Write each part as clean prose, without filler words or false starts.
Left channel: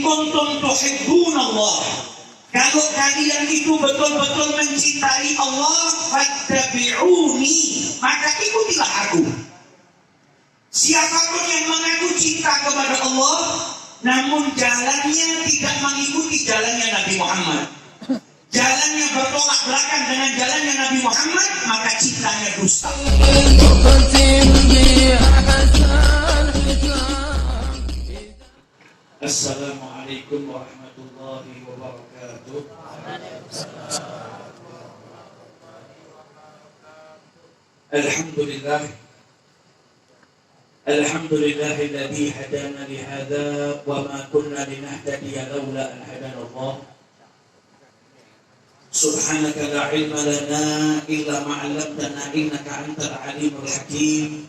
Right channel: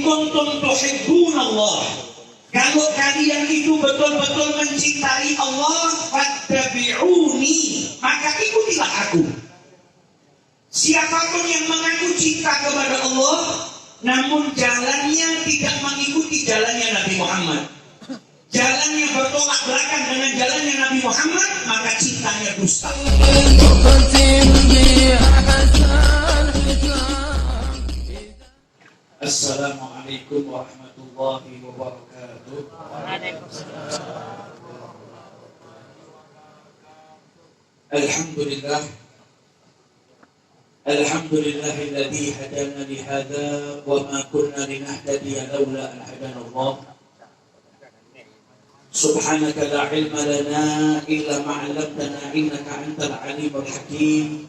In kuntum tuhibbunallah, kalau kalian itu betul-betul mencintai Allah, fattabi'uni, maka ikutilah aku. Siapapun yang mengaku cinta kepada Allah, namun jalannya tidak mengikuti jalannya Nabi Muhammad, jalannya bertolak belakang dengan jalannya Nabi Muhammad, maka cintanya dusta. Assalamualaikum warahmatullahi wabarakatuh. Alhamdulillah, alhamdulillahilladzi hadana lihada wa ma kunna linahtadiya laula an hadana Allah. Subhanaka la ilma lana illa ma 'allamtana innaka antal alimul hakim.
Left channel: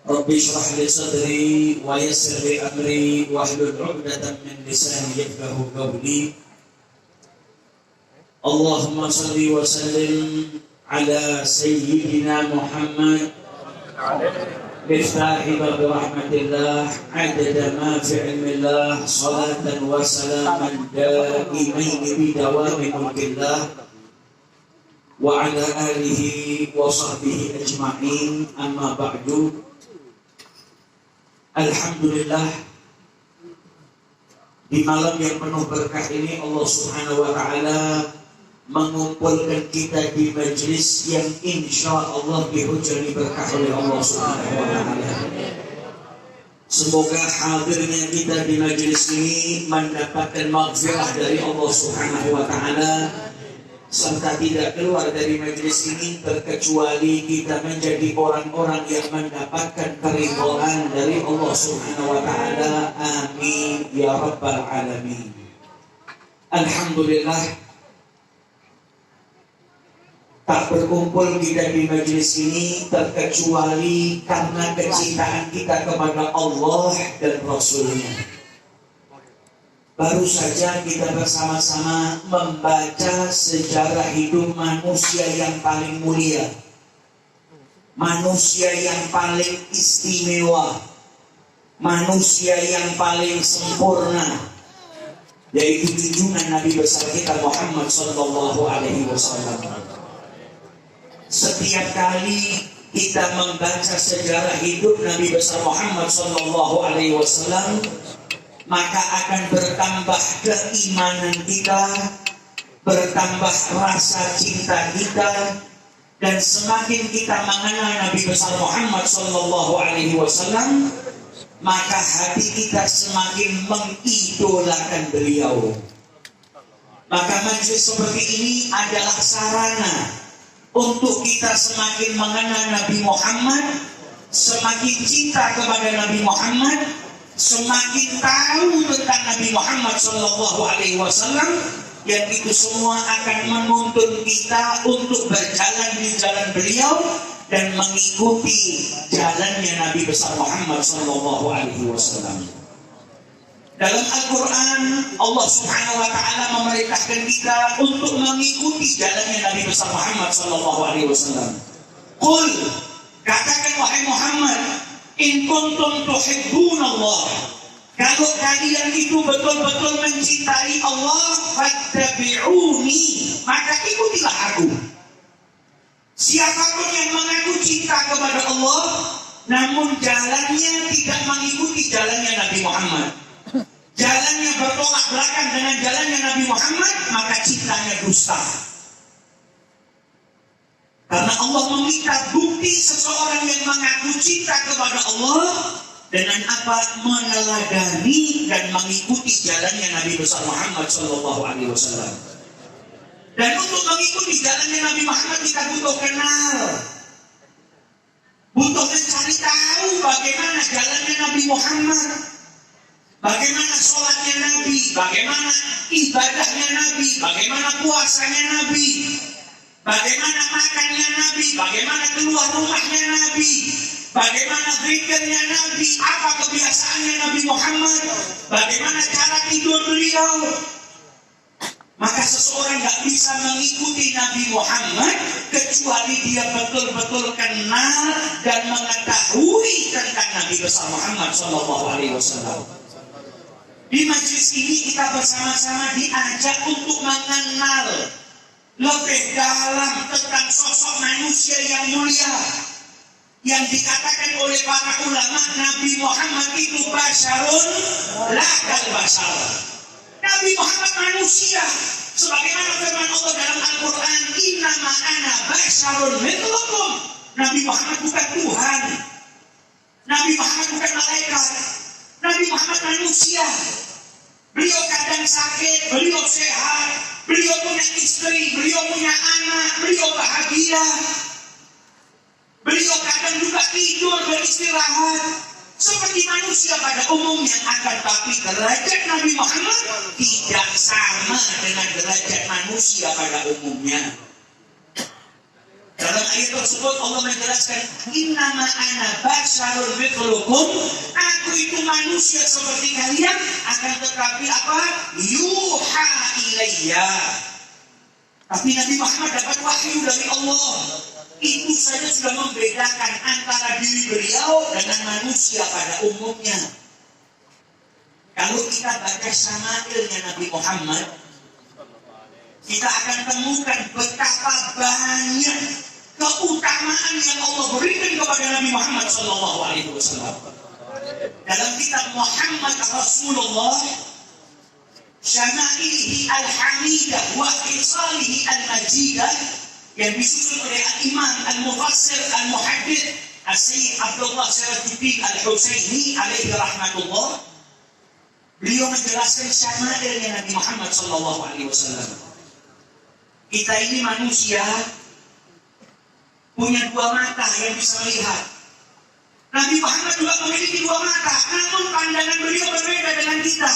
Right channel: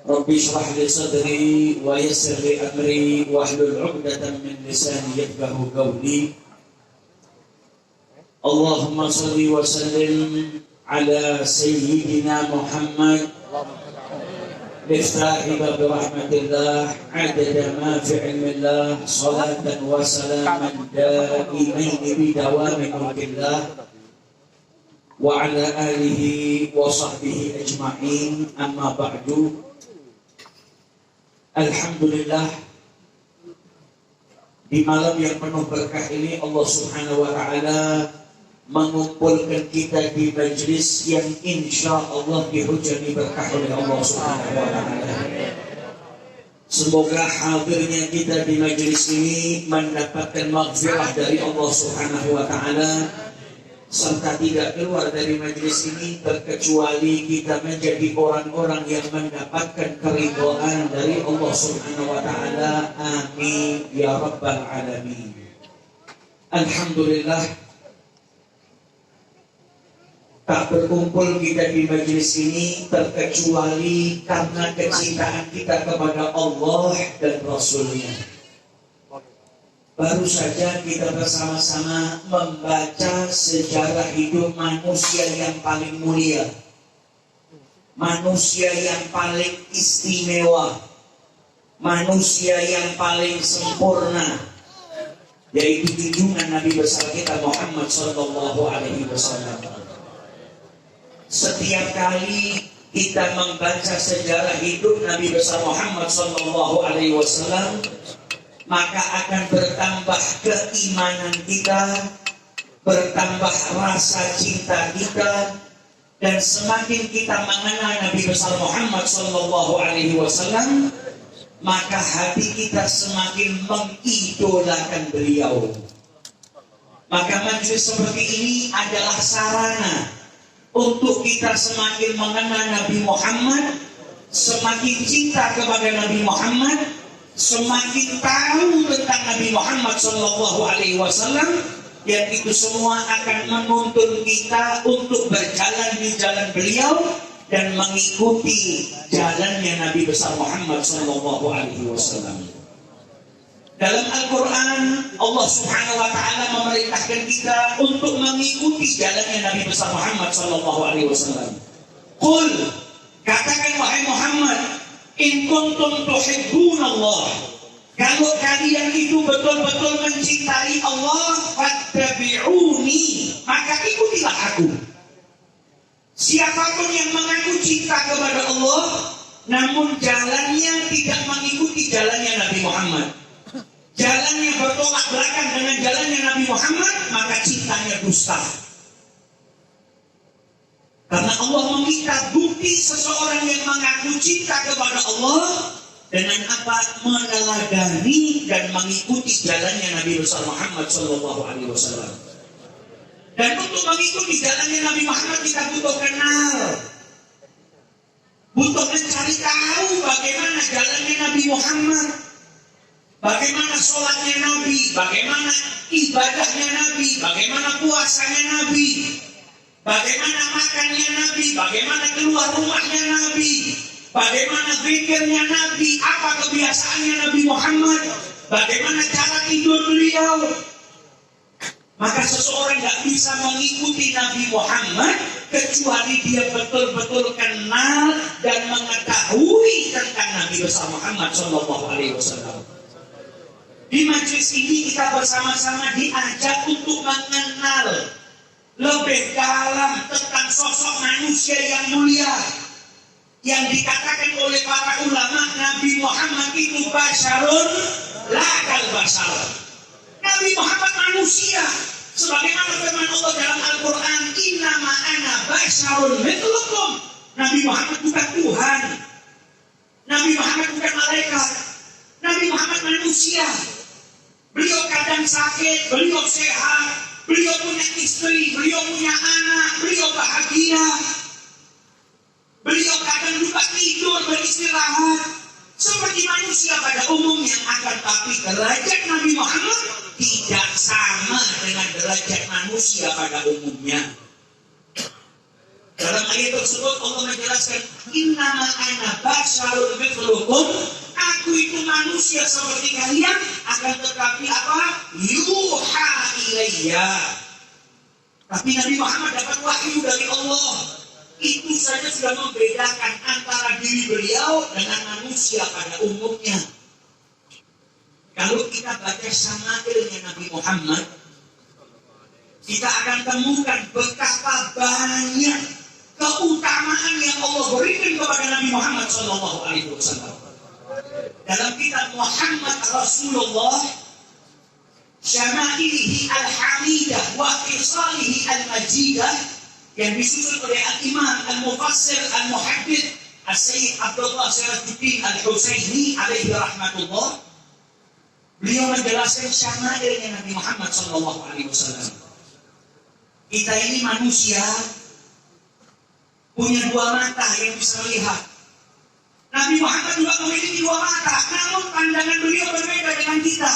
Rabbi shrah li sadri wa yassir li amri wahlul 'uqdatam min lisani yafqahu qawli. Allahumma shalli wa sallim ala sayyidina Muhammad bistahi wa birahmatillah adada ma fi ilmillah salatan wa salaman daimain bidawami mulkillah wa ala alihi wa sahbihi ajma'in, amma ba'du. Alhamdulillah, di malam yang penuh berkah ini Allah Subhanahu wa ta'ala mengumpulkan kita di majlis yang insya Allah dihujani berkah oleh Allah Subhanahu wa ta'ala. Semoga hadirnya kita di majlis ini mendapatkan maghfirah dari Allah Subhanahu wa ta'ala, serta tidak keluar dari majlis ini terkecuali kita menjadi orang-orang yang mendapatkan keridhaan dari Allah Subhanahu wa ta'ala. Amin ya rabbal alamin. Alhamdulillah, tak berkumpul kita di majlis ini terkecuali karena kecintaan kita kepada Allah dan Rasulnya. Baru saja kita bersama-sama membaca sejarah hidup manusia yang paling mulia, manusia yang paling istimewa, manusia yang paling sempurna, yaitu junjungan Nabi besar kita Muhammad sallallahu alaihi wasallam. Setiap kali kita membaca sejarah hidup Nabi besar Muhammad sallallahu alaihi wasallam, maka akan bertambah keimanan kita, bertambah rasa cinta kita, dan semakin kita mengenal Nabi besar Muhammad sallallahu alaihi wasallam, maka hati kita semakin mengidolakan beliau. Maka majlis seperti ini adalah sarana untuk kita semakin mengenal Nabi Muhammad, semakin cinta kepada Nabi Muhammad, semakin tahu tentang Nabi Muhammad sallallahu alaihi wasallam, yang itu semua akan menuntun kita untuk berjalan di jalan beliau dan mengikuti jalannya Nabi besar Muhammad sallallahu alaihi wasallam. Dalam Al-Quran, Allah Subhanahu wa ta'ala memerintahkan kita untuk mengikuti jalannya Nabi besar Muhammad sallallahu alaihi wasallam. Qul, katakan wahai Muhammad, in kuntum tuhibbunallah, kalau kalian itu betul-betul mencintai Allah, fattabi'uni, maka ikutilah aku. Siapapun yang mengaku cinta kepada Allah, namun jalannya tidak mengikuti jalannya Nabi Muhammad, jalannya bertolak belakang dengan jalannya Nabi Muhammad, maka cintanya dusta. Karena Allah meminta bukti seseorang yang mengaku cinta kepada Allah dengan apa? Meneladani dan mengikuti jalannya Nabi besar Muhammad sallallahu alaihi wasallam. Dan untuk mengikuti jalannya Nabi Muhammad kita butuh kenal, butuh mencari tahu bagaimana jalannya Nabi Muhammad, bagaimana sholatnya Nabi, bagaimana ibadahnya Nabi, bagaimana puasanya Nabi, bagaimana makannya Nabi, bagaimana keluar rumahnya Nabi, bagaimana zikirnya Nabi, apa kebiasaannya Nabi Muhammad, bagaimana cara tidur beliau. Maka seseorang tidak bisa mengikuti Nabi Muhammad kecuali dia betul-betul kenal dan mengetahui tentang Nabi besar Muhammad sallallahu alaihi wasallam. Di majelis ini kita bersama-sama diajak untuk mengenal lebih dalam tentang sosok manusia yang mulia, yang dikatakan oleh para ulama Nabi Muhammad itu basyarun la kal bashar. Nabi Muhammad manusia, sebagaimana firman Allah dalam Al-Quran, innama ana basyarun mithlukum. Nabi Muhammad bukan Tuhan, Nabi Muhammad bukan malaikat, Nabi Muhammad manusia. Beliau kadang sakit, beliau sehat, beliau punya istri, beliau punya anak, beliau bahagia. Beliau kadang juga tidur, beristirahat seperti manusia pada umumnya. Akan tapi derajat Nabi Muhammad tidak sama dengan derajat manusia pada umumnya. Dalam ayat tersebut Allah menjelaskan, innama ana basyarun mithlukum, aku itu manusia seperti kalian, akan tetapi apa? Yuha ilayya. Tapi Nabi Muhammad dapat wahyu dari Allah. Itu saja sudah membedakan antara diri beliau dengan manusia pada umumnya. Kalau kita baca syama'ilnya Nabi Muhammad, kita akan temukan betapa banyak keutamaan yang Allah berikan kepada Nabi Muhammad SAW. Dalam kitab Muhammad Rasulullah, Syama'ilihi al-Hamidah wa Qisalihi al-Majidah, yang disusun oleh Al-Imam Al-Mufassir Al-Muhaddith As-Sayyid Abdullah Sirajuddin Al-Husaini alaihi rahmatullah. Beliau menjelaskan syama'ilnya Nabi Muhammad SAW. Kita ini manusia punya dua mata yang bisa melihat. Nabi Muhammad juga memiliki dua mata, namun pandangan beliau berbeda dengan kita.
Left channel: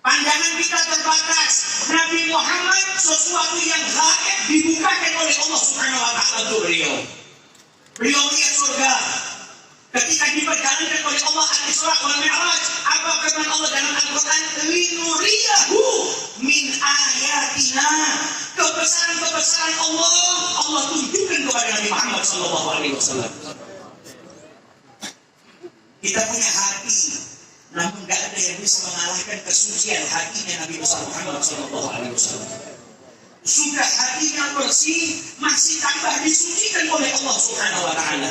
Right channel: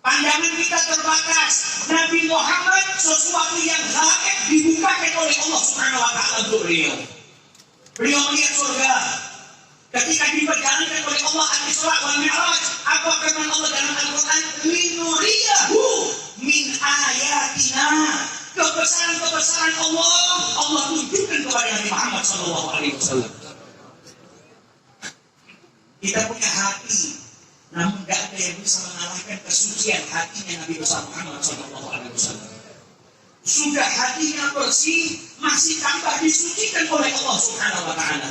Pandangan kita terbatas. Nabi Muhammad sesuatu yang gaib dibukakan oleh Allah Subhanahu wa taala untuk beliau. Beliau melihat surga. Ketika diperjalankan oleh Allah Al-Isra wal Mi'raj, apa firman Allah dalam Al-Quran? Linuriyahu min ayatina. Kebesaran-kebesaran Allah tunjukkan kepada Nabi Muhammad SAW. Kita punya hati, namun tidak ada yang bisa mengalahkan kesucian hatinya Nabi besar Muhammad SAW. Sudah hatinya bersih, masih tambah disucikan oleh Allah Subhanahu wa taala.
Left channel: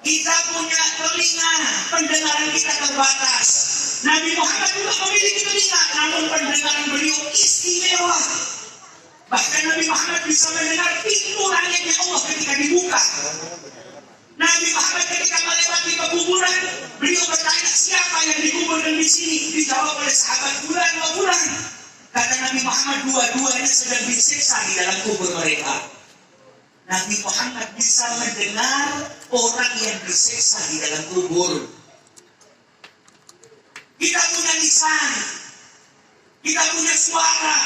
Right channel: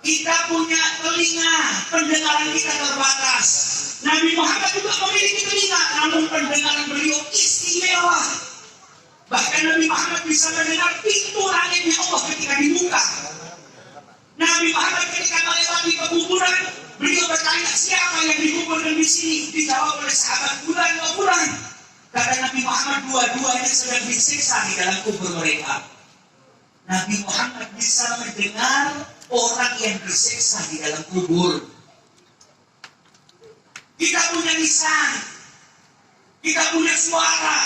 Kita punya telinga, pendengaran kita terbatas. Nabi Muhammad juga memiliki telinga, namun pendengaran beliau istimewa. Bahkan Nabi Muhammad bisa mendengar pintu langitnya Allah ketika dibuka. Nabi Muhammad ketika melewati kuburan, beliau bertanya, siapa yang dikuburkan di sini? Dijawab oleh sahabat fulan wa fulan. Kata Nabi Muhammad, dua-duanya sedang disiksa di dalam kubur mereka. Nabi Muhammad bisa mendengar orang yang disiksa di dalam kubur. Kita punya lisan, kita punya suara,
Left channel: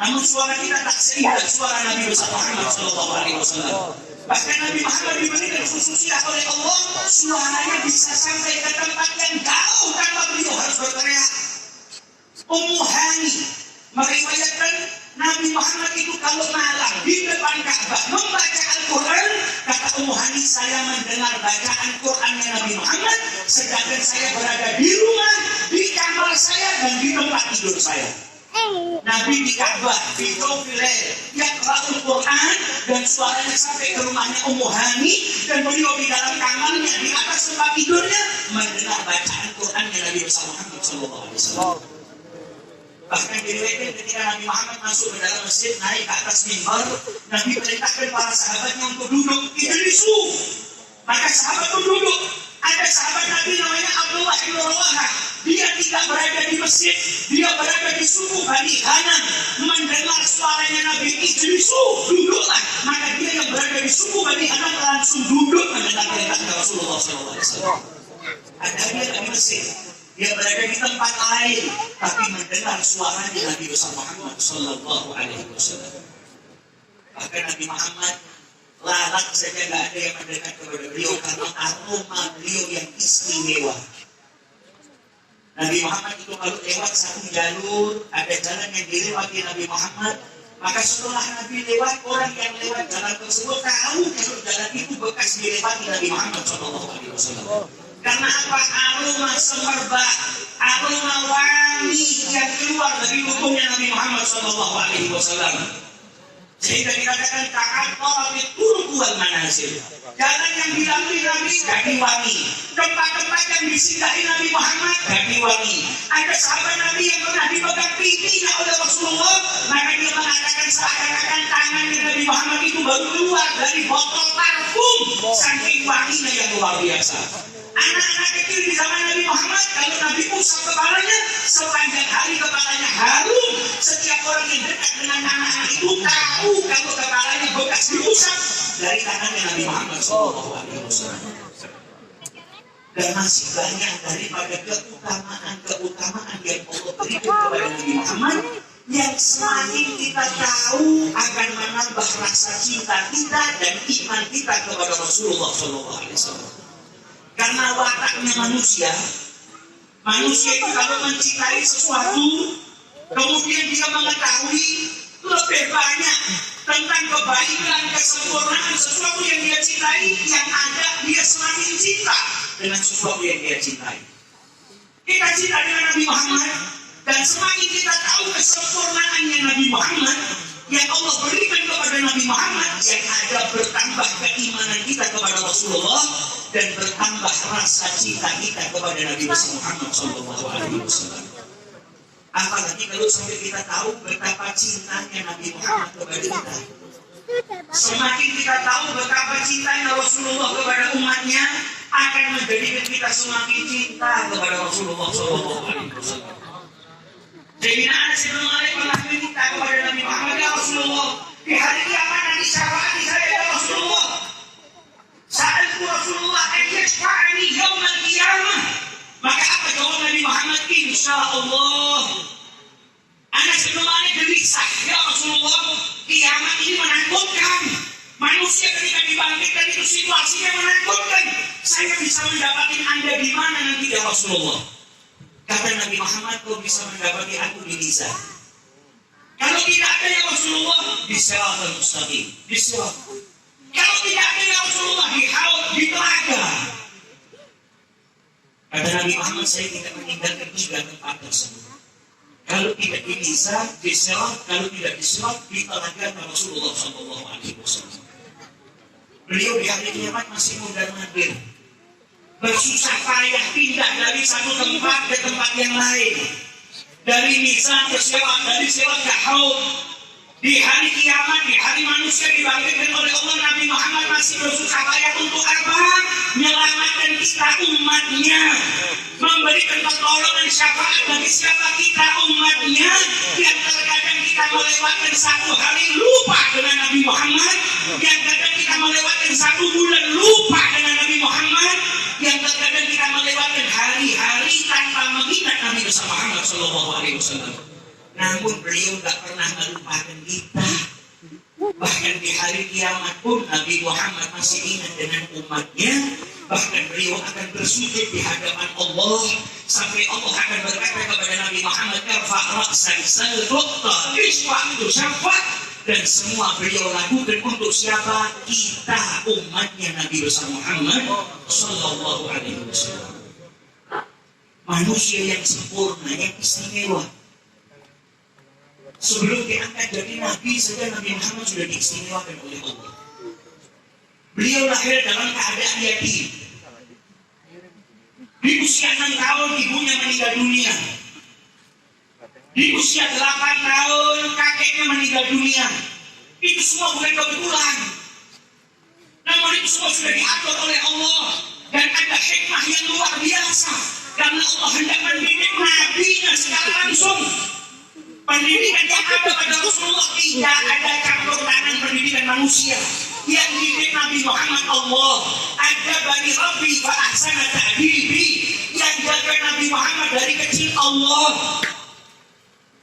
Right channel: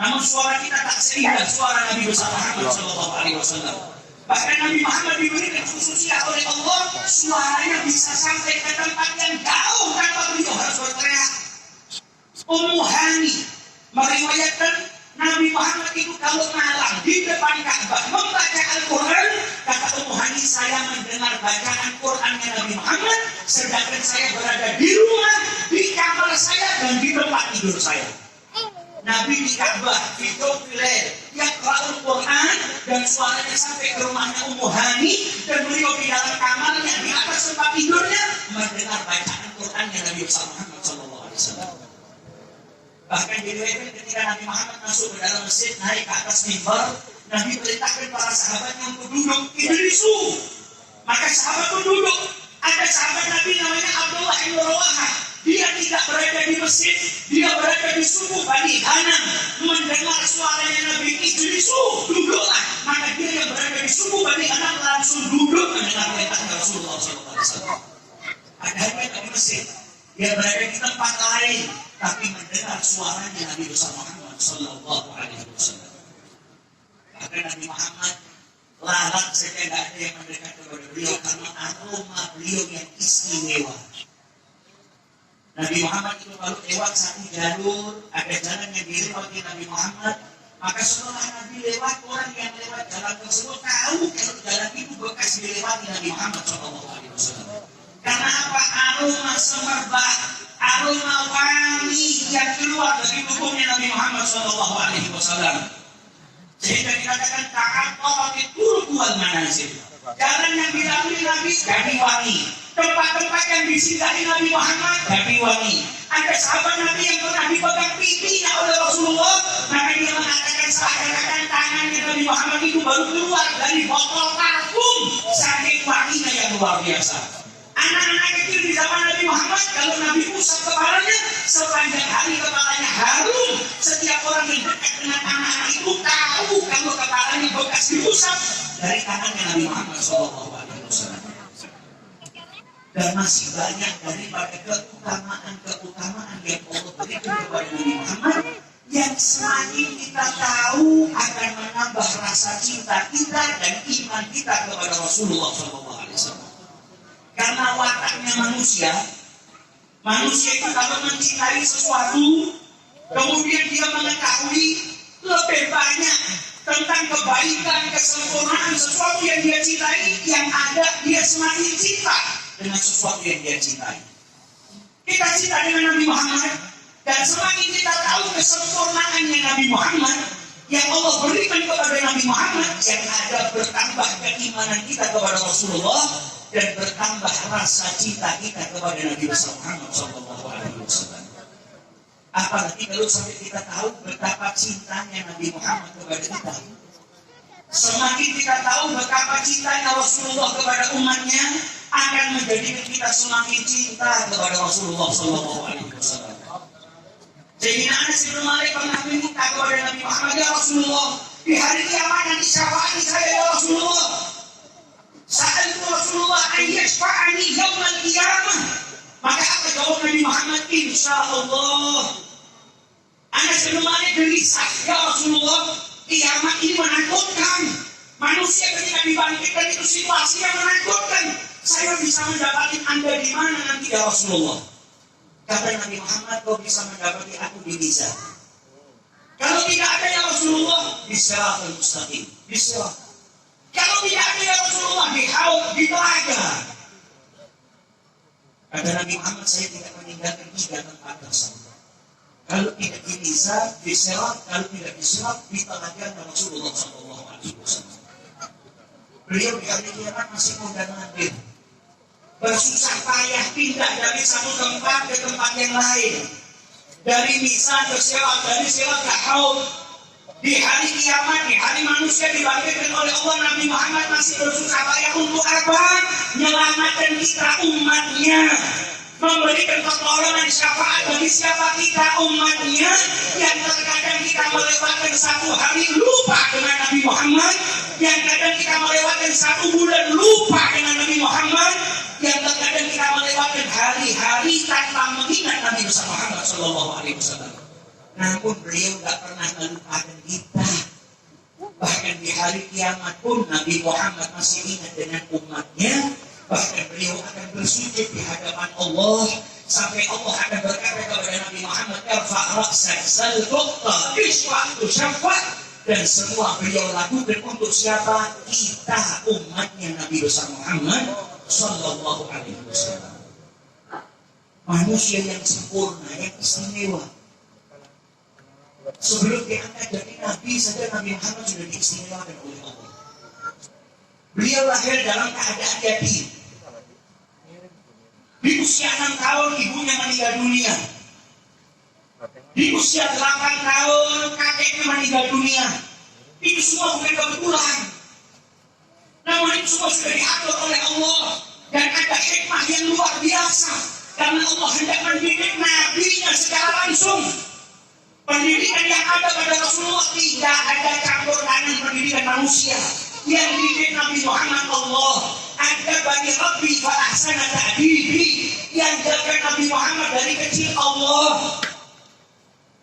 namun suara kita tak seindah suara Nabi besar Muhammad SAW. Bahkan Nabi Muhammad diberikan khususnya oleh Allah, suaranya bisa sampai ke tempat yang jauh tanpa beliau harus berteriak. Ummu Hani meriwayatkan Nabi Muhammad itu kalau malam di depan Ka'bah membaca Al-Quran, kata Ummu Hani, saya mendengar bacaan Qurannya Nabi Muhammad, sedangkan saya berada di rumah, di kamar saya dan di tempat tidur saya. Nabi di Ka'bah, di Tawfilail, yang Al Quran dan suaranya sampai ke rumahnya Ummu Hani, dan beliau di dalam kamarnya di atas tempat tidurnya mendengar bacaan Qurannya Nabi Muhammad SAW. Bahkan diriwayatkan ketika Nabi Muhammad masuk ke dalam masjid, naik ke atas mimbar, Nabi perintahkan para sahabatnya untuk duduk, ijlisu. Maka sahabat itu duduk. Ada sahabat Nabi namanya Abdullah bin Rawahah. Dia tidak berada di masjid, dia berada di suku Bani Hanam, mendengar suaranya Nabi, ijlisu, duduklah. Maka dia yang berada di suku Bani Hanam langsung duduk mendengar perintah Rasulullah SAW. Ada dia di masjid, dia berada di tempat lain, tapi mendengar suaranya Nabi besar Muhammad Sallallahu Alaihi Wasallam. Bahkan Nabi Muhammad lalat saja tidak ada yang mendekat kepada beliau karena aroma beliau yang istimewa. Nabi Muhammad itu kalau lewat satu jalur, ada jalan yang dilewati Nabi Muhammad, maka setelah Nabi lewat, orang yang lewat jalan tersebut tahu kalau jalan itu bekas dilewati Nabi Muhammad Sallallahu Alaihi Wasallam. Karena apa? Aroma semerbak, aroma wangi yang keluar dari tubuhnya Nabi Muhammad SAW. Sehingga dikatakan ta'attara bi turbual manazil. Jalan yang dilalui Nabi jadi wangi. Tempat-tempat yang disinggahi Nabi Muhammad jadi wangi. Ada sahabat Nabi yang pernah dipegang pipinya oleh Rasulullah, maka dia mengatakan seakan-akan tangannya Nabi Muhammad itu baru keluar dari botol parfum, saking wanginya yang luar biasa. Anak-anak kecil di zaman Nabi Muhammad, kalau Nabi usap kepalanya, sepanjang hari kepalanya harum. Setiap orang yang dekat dengan anak-anak itu tahu kalau kepalanya bekas diusap dari tangannya Nabi Muhammad SAW. Dan masih banyak daripada keutamaan yang Allah berikan kepada Nabi Muhammad, yang semakin kita tahu akan menambah rasa cinta kita dan iman kita kepada Rasulullah SAW. Karena wataknya manusia itu kalau mencintai sesuatu, kemudian dia mengetahui lebih banyak tentang kebaikan, kesempurnaan sesuatu yang dia cintai, yang ada dia semakin cinta dengan sesuatu yang dia cintai. Kita cinta dengan Nabi Muhammad, dan semakin kita tahu kesempurnaannya Nabi Muhammad yang Allah berikan kepada Nabi Muhammad, yang ada bertambah keimanan kita kepada Rasulullah dan bertambah rasa cinta kita kepada Nabi Muhammad SAW. Apalagi kalau sampai kita tahu betapa cintanya Nabi Muhammad kepada kita. Semakin kita tahu betapa cintanya Rasulullah kepada umatnya, akan menjadikan kita semakin cinta kepada Rasulullah SAW. Sayyidina Anas bin Malik pernah minta kepada Nabi Muhammad, ya Rasulullah, di hari kiamat nanti syafaati saya ya Rasulullah. Sa'altu Rasulullah an yashfa'ani yawmal qiyamah. Maka apa jawab Nabi Muhammad? Insyaallah. Anas bin Malik gelisah, ya Rasulullah, kiamat ini menakutkan. Manusia ketika dibangkitkan itu situasinya menakutkan. Saya bisa mendapati Anda di mana nanti ya Rasulullah? Kata Nabi Muhammad, kau bisa mendapati aku di mizan. Kalau tidak ada ya Rasulullah, di siratal mustaqim, di sirat. Kalau tidak ada ya Rasulullah, di haud, di telaga. Kata Nabi Muhammad, saya tidak meninggalkan 3 tempat tersebut. Kalau tidak di mizan, di sirat. Kalau tidak di sirat, di telaga Rasulullah SAW. Beliau di hari kiamat masih muda nadir, bersusah payah pindah dari satu tempat ke tempat yang lain, dari mizan ke sirat, dari sirat ke haud. Di hari kiamat, di hari manusia dibangkitkan oleh Allah, Nabi Muhammad masih bersusah payah untuk apa? Menyelamatkan kita umatnya, memberikan pertolongan syafaat bagi siapa kita umatnya, yang terkadang kita melewatkan 1 hari lupa dengan Nabi Muhammad, yang kadang kita melewatkan 1 bulan lupa dengan Nabi Muhammad, yang terkadang kita melewatkan hari-hari tanpa mengingat Nabi Muhammad SAW. Namun beliau tidak pernah melupakan kita. Bahkan di hari kiamat pun Nabi Muhammad masih ingat dengan umatnya. Bahkan beliau akan bersujud di hadapan Allah, sampai Allah akan berkata kepada Nabi Muhammad, irfa' ra'sak sal tuqta isfa'tu syafat. Dan semua beliau lakukan untuk siapa? Kita, umatnya Nabi besar Muhammad Sallallahu Alaihi Wasallam. Manusia yang sempurna, yang istimewa. Sebelum diangkat jadi Nabi saja, Nabi Muhammad sudah diistimewakan oleh Allah. Beliau lahir dalam keadaan yatim. Di usia 6 tahun ibunya meninggal dunia. Di usia 8 tahun kakeknya meninggal dunia. Itu semua bukan kebetulan. Namun itu semua sudah diatur oleh Allah. Dan ada hikmah yang luar biasa. Karena Allah hendak mendidik Nabi-Nya secara langsung. Pendidikan yang ada pada Rasulullah tidak ada campur tangan pendidikan manusia. Yang dididik Nabi Muhammad Allah. Ada bani Rabbi fa ahsana ta'dibi. Yang jaga Nabi Muhammad dari kecil Allah.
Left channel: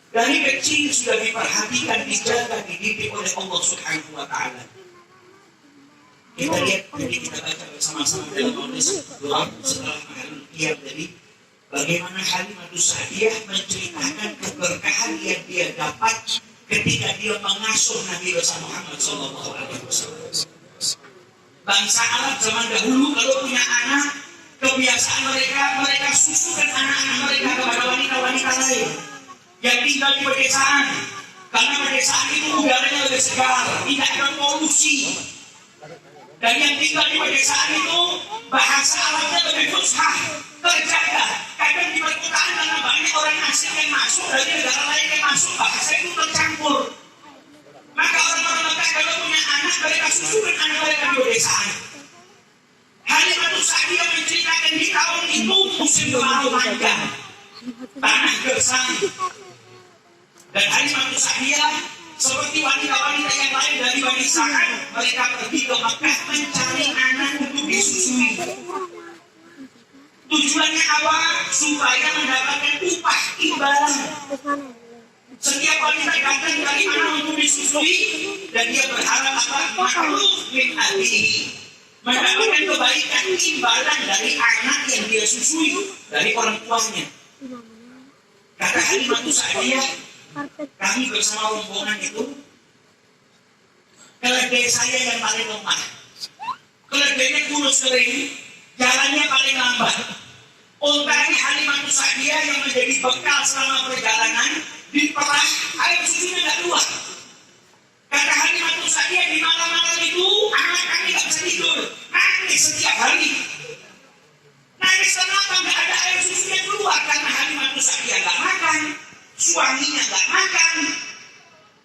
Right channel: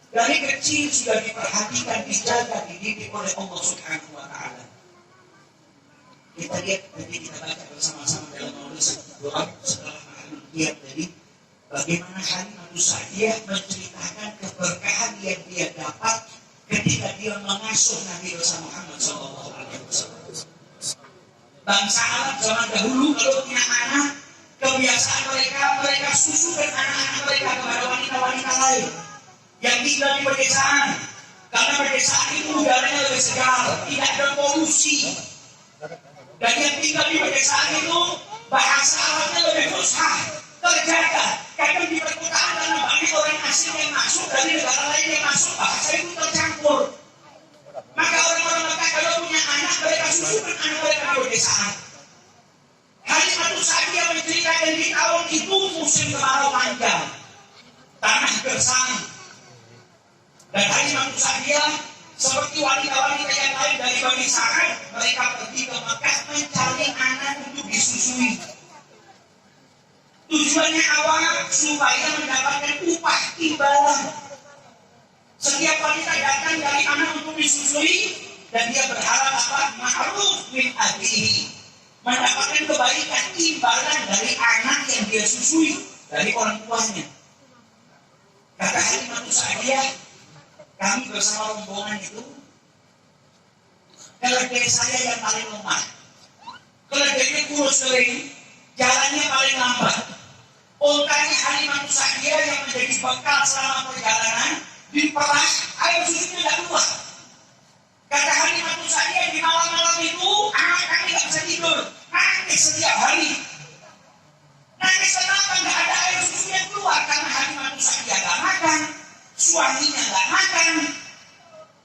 Dari kecil sudah diperhatikan, dijaga, dididik oleh Allah Subhanahu wa Ta'ala. Kita lihat, jadi kita baca bersama-sama dalam majelis doa setelah mahalul qiyam tadi, bagaimana Halimatus Sa'diyah menceritakan keberkahan yang dia dapat ketika dia mengasuh Nabi besar Muhammad Sallallahu Alaihi Wasallam. Bangsa Arab zaman dahulu kalau punya anak, kemudian kebiasaan mereka susukan anak-anak mereka kepada wanita-wanita lain yang tinggal di pedesaan. Karena pedesaan itu udaranya lebih segar, tidak ada polusi. Dan yang tinggal di pedesaan itu bahasa Arabnya lebih fusha, terjaga. Kadang di perkotaan karena banyak orang asing yang masuk dari negara lain yang masuk, bahasa itu tercampur. Maka orang-orang Mekah kalau punya anak, mereka susukan anak mereka di pedesaan. Halimatus Sa'diyah menceritakan di tahun itu musim kemarau panjang, tanah gersang. Dan Halimatus Sa'diyah seperti wanita-wanita yang lain dari Bani Sa'ad, mereka pergi ke Mekah mencari anak untuk disusui. Tujuannya awal supaya mendapatkan upah imbalan. Setiap wanita datang dari anak untuk disusui dan dia berharap apa? Ma'ruf min ahlihi, mendapatkan kebaikan imbalan dari anak yang dia susui dari orang tuanya. Kata Halimatus Sa'diyah, kami bersama rombongan itu, keledai saya yang paling lemah, keledainya kurus kering, jalannya paling lambat. Untanya Halimatus Sa'diyah yang menjadi bekal selama perjalanan diperah, air susunya tidak keluar. Kata Halimatus Sa'diyah, di malam-malam itu anak kami tidak bisa tidur, nangis setiap hari. Nangis kenapa? Tidak ada air susu yang keluar karena Halimatus Sa'diyah tidak makan, suaminya tidak makan.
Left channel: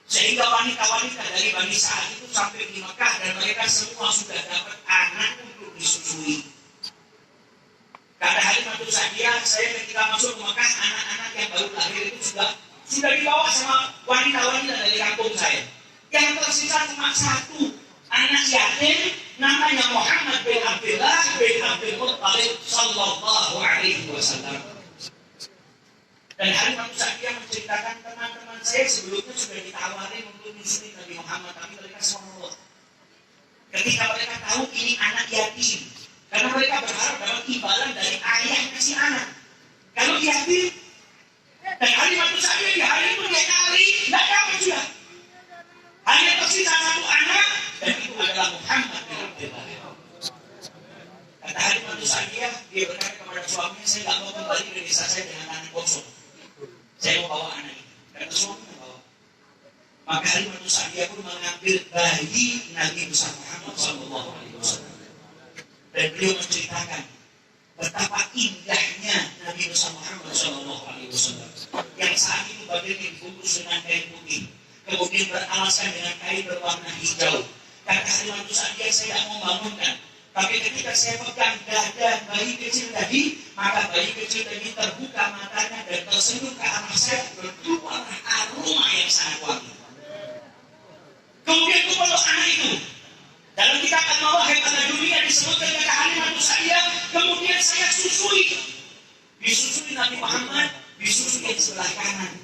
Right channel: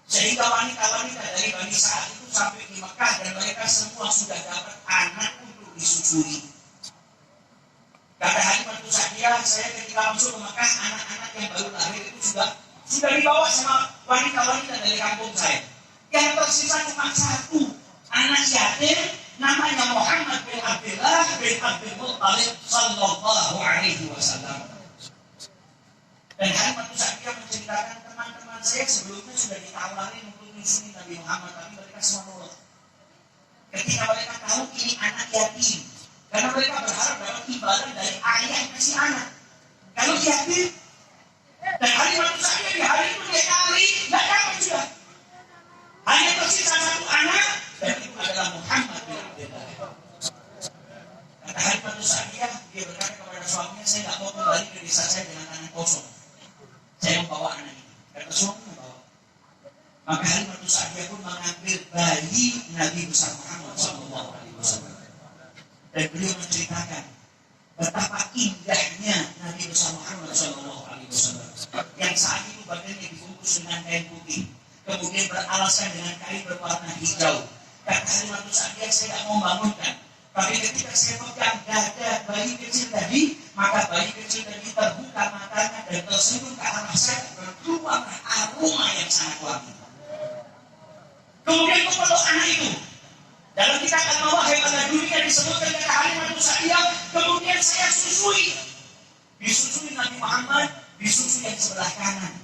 Sehingga wanita-wanita dari Bani Sa'ad itu sampai di Mekah dan mereka semua sudah dapat anak untuk disusui. Kata Halimatus Sa'diyah, saya ketika masuk ke Mekah, anak-anak yang baru lahir itu sudah dibawa sama wanita-wanita dari kampung saya. Yang tersisa cuma satu anak yatim, namanya Muhammad bin Abdullah bin Abdul Muttalib sallallahu alaihi wasallam. Dan Halimatus Sa'diyah menceritakan teman-teman saya sebelumnya sudah ditawarin untuk nyusuin Nabi Muhammad, tapi mereka semua nolak. Ketika mereka tahu ini anak yatim, karena mereka berharap dapat imbalan dari ayah yang kasih anak. Kalau yatim, dan Halimatus Sa'diyah di hari itu dia kali, tidak dapat sudah. Hanya tersisa satu anak, dan itu adalah Muhammad bin Abdullah. Kata Halimatus Sa'diyah, dia berkata kepada suaminya, saya tidak mau kembali ke desa saya dengan tangan kosong. Saya mau bawa anak ini. Dan suaminya bawa. Maka Halimatus Sa'diyah pun mengambil bayi Nabi besar Muhammad sallallahu alaihi wasallam. Dan beliau menceritakan betapa indahnya Nabi besar Muhammad sallallahu alaihi wasallam yang saat itu badannya dibungkus dengan kain putih, kemudian beralaskan dengan kain berwarna hijau. Kata Halimatus Sa'diyah, saya tidak mau bangunkan, tapi ketika saya pegang dada bayi kecil tadi, maka bayi kecil tadi terbuka matanya dan tersenyum ke arah saya, berkeluar aroma yang sangat wangi. Kemudian kupeluk anak itu. Dalam kitab Al-Mawahib pada dunia disebutkan kata Halimatus Sa'diyah, kemudian saya susui. Disusui Nabi Muhammad, disusui yang sebelah kanan.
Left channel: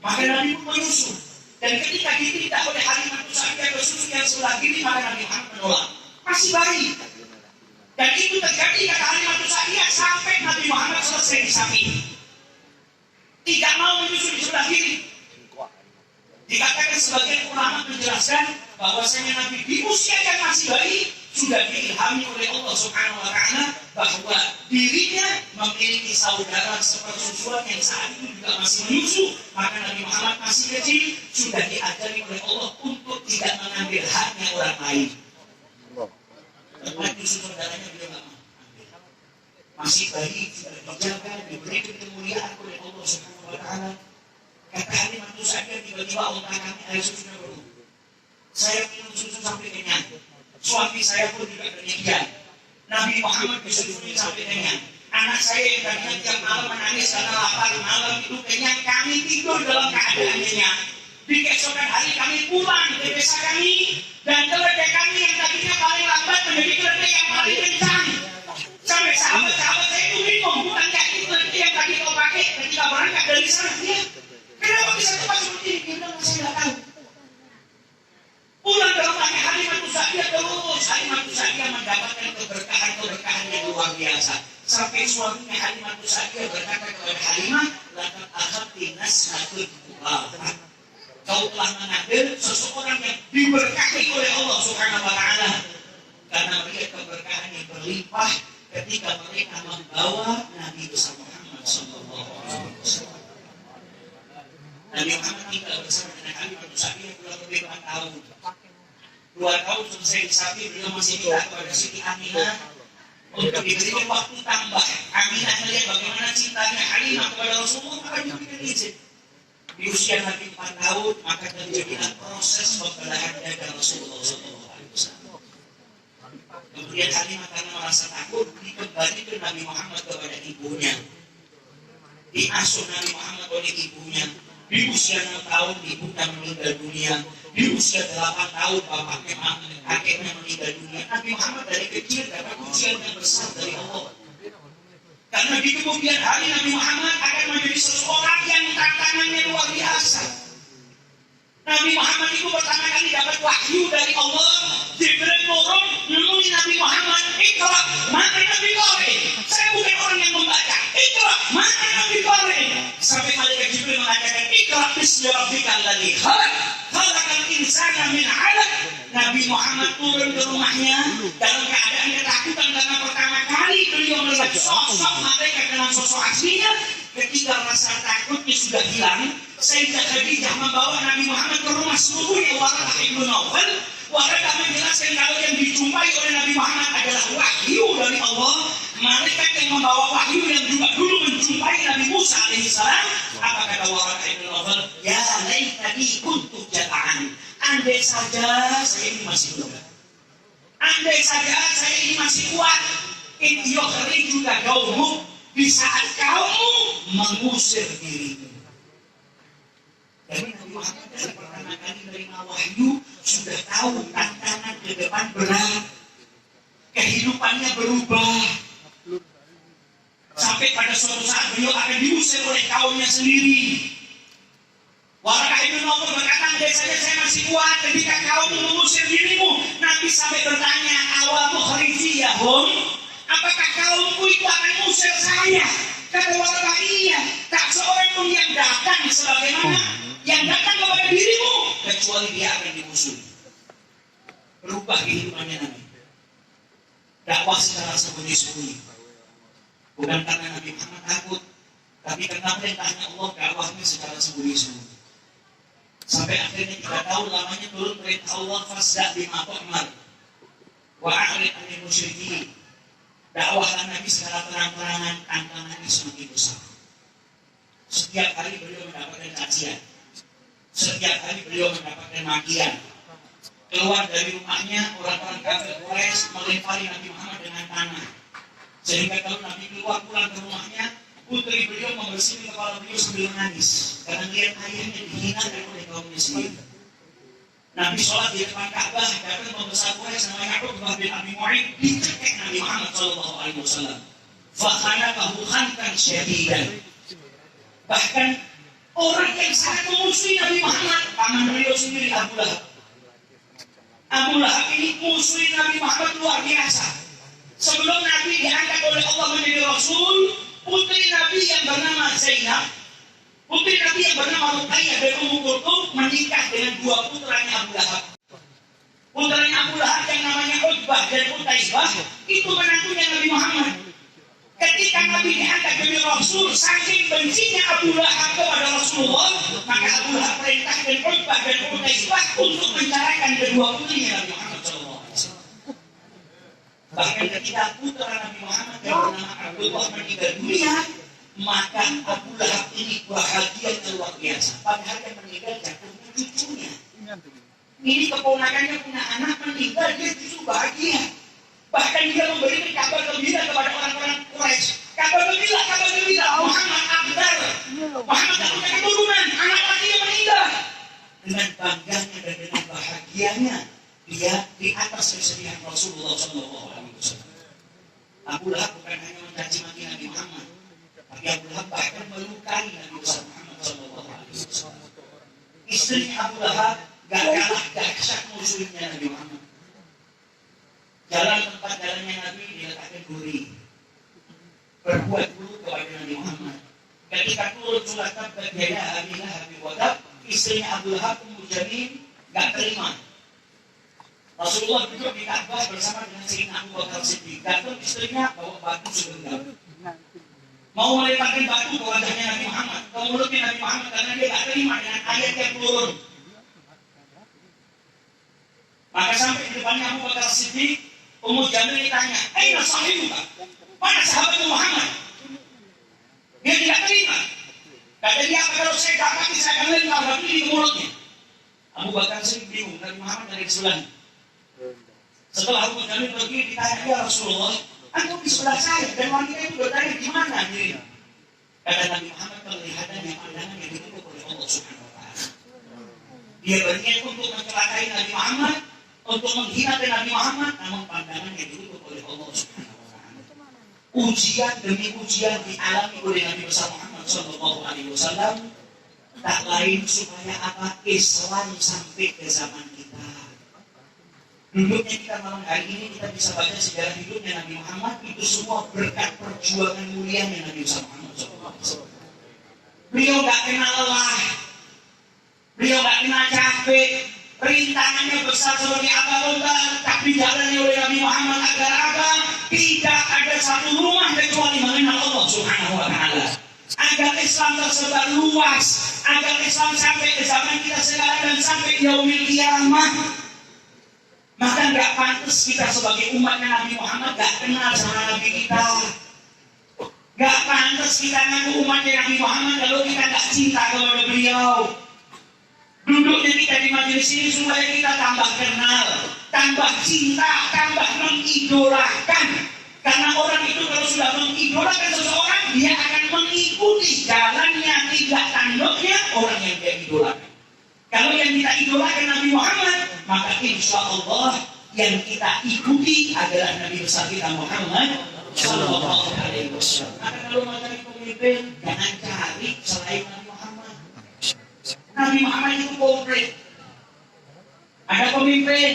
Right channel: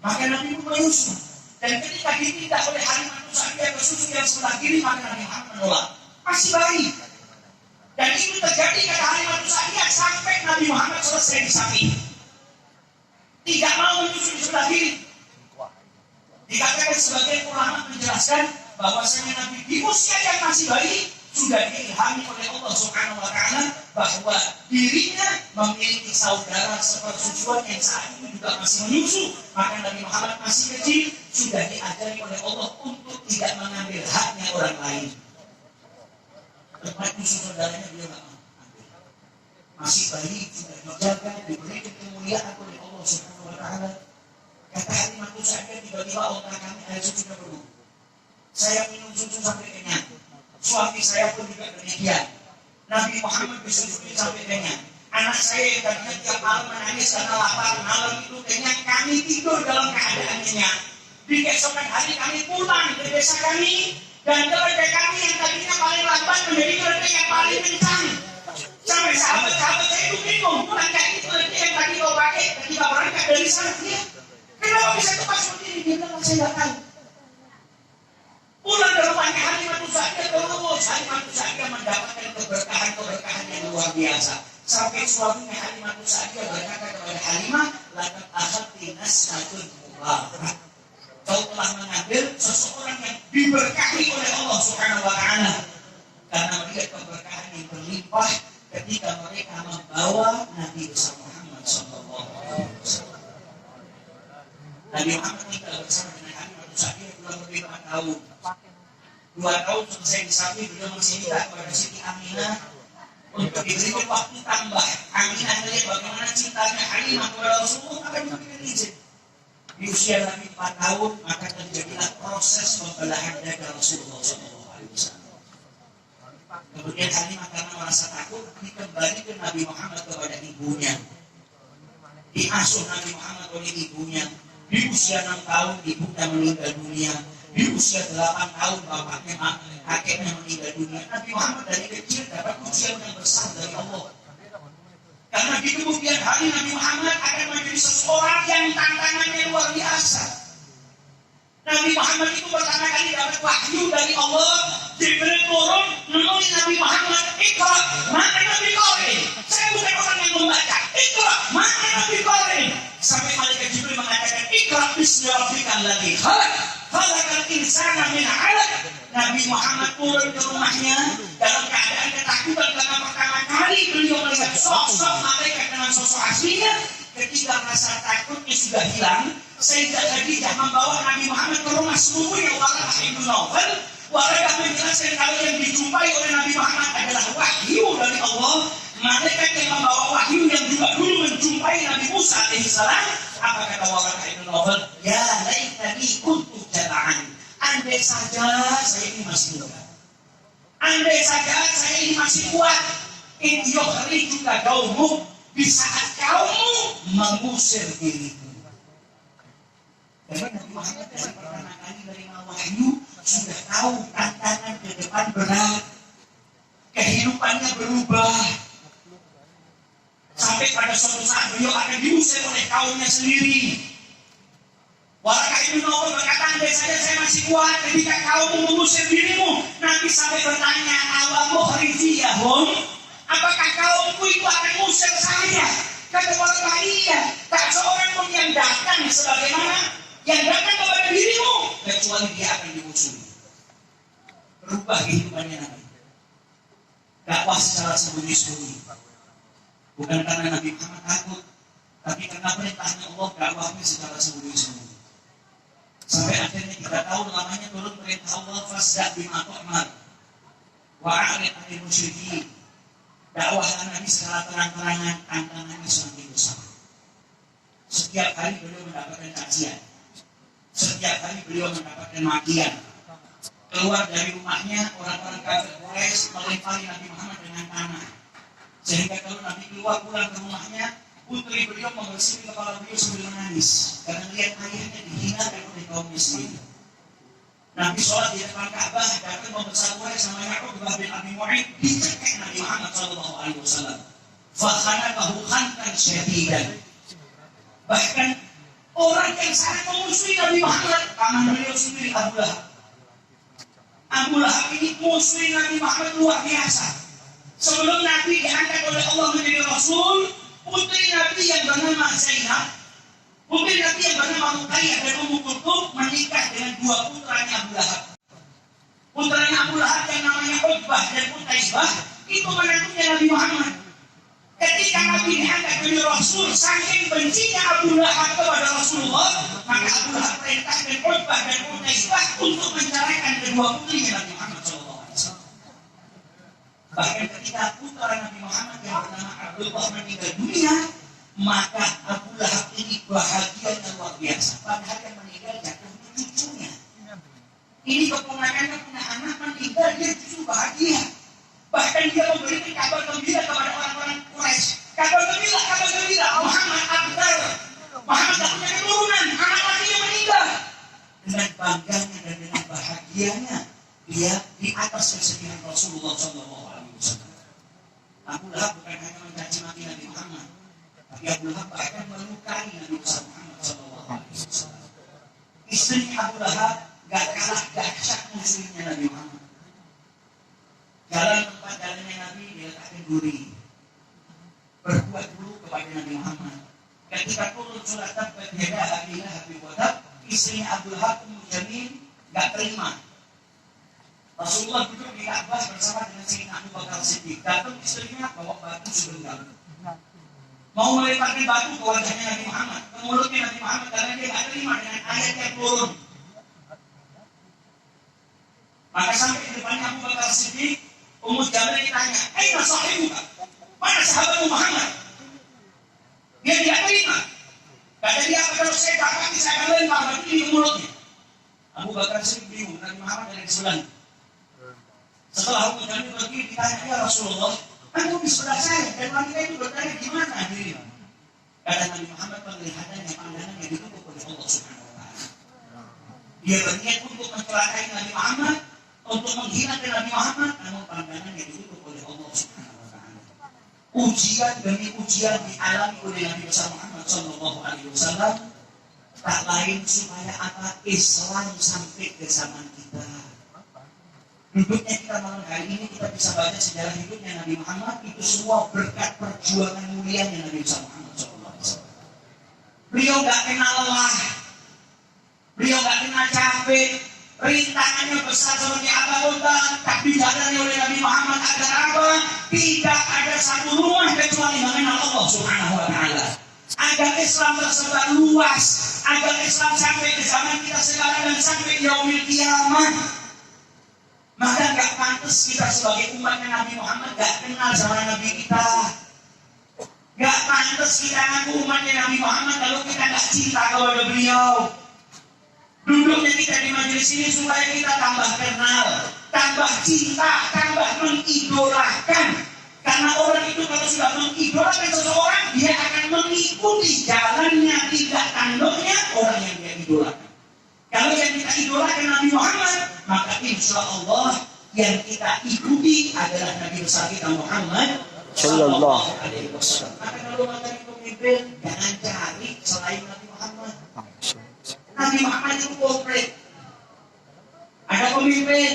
Maka Nabi pun menyusu. Dan ketika ditindak oleh Halimatus Sa'diyah ke susu yang sebelah kiri, maka Nabi Muhammad menolak. Masih bayi. Dan itu terjadi kata Halimatus Sa'diyah sampai Nabi Muhammad selesai disapi. Tidak mau menyusu di sebelah kiri. Dikatakan sebagian ulama menjelaskan bahwasanya Nabi di usia yang masih bayi sudah diilhami oleh Allah Subhanahu wa Ta'ala bahwa dirinya memiliki saudara sepersusuan yang saat itu juga masih menyusu. Maka Nabi Muhammad masih kecil sudah diajari oleh Allah untuk tidak mengambil haknya orang lain. Tempat nyusu saudaranya beliau tidak mengambil. Masih bayi sudah dijaga, diberi kemuliaan oleh Allah Subhanahu wa Ta'ala. Kata Halimatus Sa'diyah, tiba-tiba otak kami air susunya penuh. Saya minum susu sampai kenyang. Suami saya pun juga demikian. Nabi Muhammad disusui sampai kenyang. Anak saya yang tadinya tiap malam menangis karena lapar, malam itu kenyang, kami tidur dalam keadaan kenyang. Di keesokan hari kami pulang ke desa kami, dan keledai kami yang tadinya paling lambat menjadi keledai yang paling kencang. Sampai sahabat-sahabat saya itu bingung, bukan kayak itu keledai yang tadi kau pakai ketika berangkat dari sana. Ya, kenapa bisa cepat seperti ini? Dia bilang, saya tidak tahu. Pulang ke rumahnya Halimatus Sa'diyah terus. Halimatus Sa'diyah mendapatkan keberkahan yang luar biasa. Sampai suaminya Halimatus Sa'diyah berkata kepada Halimah, laqad akhadti nasmatun mubarakah. Kau telah mengambil seseorang yang diberkahi oleh Allah Subhanahu wa Ta'ala. Karena melihat keberkahan yang berlimpah, ketika mereka membawa Nabi besar Muhammad Sallallahu Alaihi Wasallam. Nabi Muhammad tinggal bersama dengan kami pada Sapi kurang lebih 4 tahun. 2 tahun selesai di Sapi, beliau masih minta kepada Siti Aminah untuk diberikan waktu tambah. Aminah melihat bagaimana cintanya Halimah kepada Rasulullah, maka diberikan izin. Di usia Nabi 4 tahun, maka terjadilah proses pembelahan dada Rasulullah SAW. Kemudian Halimah karena merasa takut, dikembalikan Nabi Muhammad kepada ibunya. Diasuh Nabi Muhammad oleh ibunya. Di usia 6 tahun, ibunya meninggal dunia. Di usia 8 tahun, bapaknya, kakeknya meninggal dunia. Nabi Muhammad dari kecil dapat ujian yang besar dari Allah. Karena di kemudian hari Nabi Muhammad akan menjadi seseorang yang tantangannya luar biasa. Nabi Muhammad itu pertama kali dapat wahyu dari Allah. Jibril turun menemui Nabi Muhammad. Iqra, maka Nabi Qari. Saya bukan orang yang membaca. Iqra, maka Nabi Qari. Sampai malaikat Jibril mengatakan, Iqra bismi rabbikal ladzi khalaq. Khalaqal insana min 'alaq. Nabi Muhammad turun ke rumahnya dalam keadaan ketakutan karena pertama kali beliau melihat sosok malaikat dengan sosok aslinya. Ketika rasa takutnya sudah hilang, Sayyidah Khadijah membawa Nabi Muhammad ke rumah sepupunya Waraqah bin Nawfal. Waraqah menjelaskan kalau yang dijumpai oleh Nabi Muhammad adalah wahyu dari Allah. Malaikat yang membawa wahyu yang juga dulu menjumpai Nabi Musa alaihissalam. Apa kata Waraqah bin Nawfal? Ya laitani kuntu jata'an. Andai saja saya ini masih muda. Andai saja saya ini masih kuat. In yukhrijuka qaumuk, di saat kaummu mengusir dirimu. Jadi Nabi Muhammad dari pertama kali menerima wahyu sudah tahu tantangan ke depan berat. Kehidupannya berubah. Sampai pada suatu saat beliau akan diusir oleh kaumnya sendiri. Waraqah bin Nawfal berkata, andai saja saya masih kuat ketika kaummu mengusir dirimu. Nanti sampai bertanya, awal mukhrijiyahum, apakah kaumku itu akan mengusir saya? Kata Waraqah, iya. Tak seorang pun yang datang sebagaimana yang datang kepada dirimu, kecuali dia akan dimusuhi. Berubah kehidupannya Nabi. Dakwah secara sembunyi-sembunyi. Bukan karena Nabi Muhammad takut, tapi karena perintahnya Allah, dakwahnya secara sembunyi-sembunyi. Sampai akhirnya 3 tahun lamanya turun perintah Allah, fasda' bima tu'mar wa a'rid 'anil musyrikin. Dakwahlah Nabi secara terang-terangan, tantangannya semakin besar. Setiap hari beliau mendapatkan cacian. Setiap hari beliau mendapatkan makian. Keluar dari rumahnya, orang-orang kafir Quraisy melempari Nabi Muhammad dengan tanah. Sehingga kalau Nabi keluar pulang ke rumahnya, putri beliau membersihkan kepala beliau sambil menangis. Karena lihat ayahnya dihinakan oleh kaumnya sendiri. Nabi sholat di depan Ka'bah, datang pembesar Quraisy namanya Uqbah bin Abi Mu'ayth, dicekek Nabi Muhammad Sallallahu Alaihi Wasallam. Fakhanakahu khankan syadidan. Bahkan orang yang sangat memusuhi Nabi Muhammad, paman beliau sendiri Abu Lahab. Abu Lahab ini musuhi Nabi Muhammad luar biasa. Sebelum Nabi diangkat oleh Allah menjadi Rasul, putri Nabi yang bernama Zainab, putri Nabi yang bernama Ruqayyah dan Ummu Kulthum menikah dengan 2 putranya Abu Lahab. Putranya Abu Lahab yang namanya Utbah dan Utaibah itu menantunya Nabi Muhammad. Ketika Nabi diangkat menjadi Rasul, saking bencinya Abu Lahab kepada Rasulullah, maka Abu Lahab perintahkan Utbah dan Utaibah untuk menceraikan kedua putrinya Nabi Muhammad SAW. Bahkan ketika putra Nabi Muhammad yang bernama Abdullah meninggal dunia, maka Abu Lahab ini bahagia luar biasa. Padahal yang meninggal jatuhnya cucunya. Ini keponakannya punya anak meninggal, dia justru bahagia. Bahkan dia memberikan kabar gembira kepada orang-orang Quraisy. Kabar gembira, Muhammad Abdar. Muhammad tak punya keturunan, anak lakinya meninggal. Dengan bangganya dan dengan bahagianya, dia di atas kesedihan Rasulullah SAW. Abu Lahab bukan hanya mencaci maki Nabi Muhammad, tapi Abu Lahab bahkan melukai Nabi Muhammad SAW. Istrinya Abu Lahab gak kalah dahsyat musuhnya Nabi Muhammad. Jalan tempat jalannya Nabi diletakkan duri. Berbuat buruk kepada Nabi Muhammad. Ketika turun surat Tabbat Yada Abi Lahab wa Tab, istrinya Abu Lahab Ummu Jamil gak terima. Rasulullah duduk di Ka'bah bersama dengan Sayyidina Abu Bakar Siddiq. Datang istrinya bawa batu sebentar. Mau meletakkan batu ke wajahnya Nabi Muhammad, ke mulutnya Nabi Muhammad, karena dia tak terima dengan ayat yang turun. Maka sampai di depannya Abu Bakar Siddiq, Ummu Jamil ditanya, "Aina sahibuka?" Mana sahabatmu Muhammad? Dia tidak terima. Kata dia, kalau saya dapat, saya akan lempar batu di mulutnya. Abu Bakar Siddiq bingung, Nabi Muhammad dari sebelahnya. Setelah Ummu Jamil pergi, ditanya, "Ya Rasulullah, aku di sebelah saya dan wanita itu bertanya di mana dirinya?" Kata Nabi Muhammad, penglihatannya, pandangannya ditutup oleh Allah Subhanahu wa Ta'ala. Dia berniat untuk mencelakai Nabi Muhammad, untuk menghinakan Nabi Muhammad, namun pandangannya ditutup oleh Allah Subhanahu wa Ta'ala. Ujian demi ujian dialami oleh Nabi besar Muhammad Sallallahu Alaihi Wasallam, tak lain supaya apa? Islam sampai ke zaman kita. Hidupnya kita malam hari ini kita bisa baca sejarah hidupnya Nabi Muhammad, itu semua berkat perjuangan mulianya Nabi Muhammad SAW. Beliau gak kenal lelah, beliau gak kenal capek, rintangannya besar seperti apa pun tak dijalani oleh Nabi Muhammad agar apa? Tidak ada satu rumah kecuali mengenal Allah Subhanahu wa Ta'ala. Agar Islam tersebar luas, agar Islam sampai ke zaman kita sekarang dan sampai yaumil qiyamah. Maka gak pantas kita sebagai umatnya Nabi Muhammad gak kenal sama Nabi kita. Gak pantas kita ngaku umatnya Nabi Muhammad kalau kita gak cinta kepada beliau. Duduknya kita di majelis ini supaya kita tambah kenal, tambah cinta, tambah mengidolakan. Karena orang itu kalau sudah mengidolakan seseorang, dia akan mengikuti jalannya, tidak tanduknya orang yang dia idolakan. Kalau yang kita idolakan Nabi Muhammad, maka insya Allah yang kita ikuti adalah Nabi besar kita Muhammad Sallallahu Alaihi Wasallam. Maka kalau mau cari pemimpin, jangan cari selain Nabi Muhammad. Nabi Muhammad itu komplit. Ada pemimpin,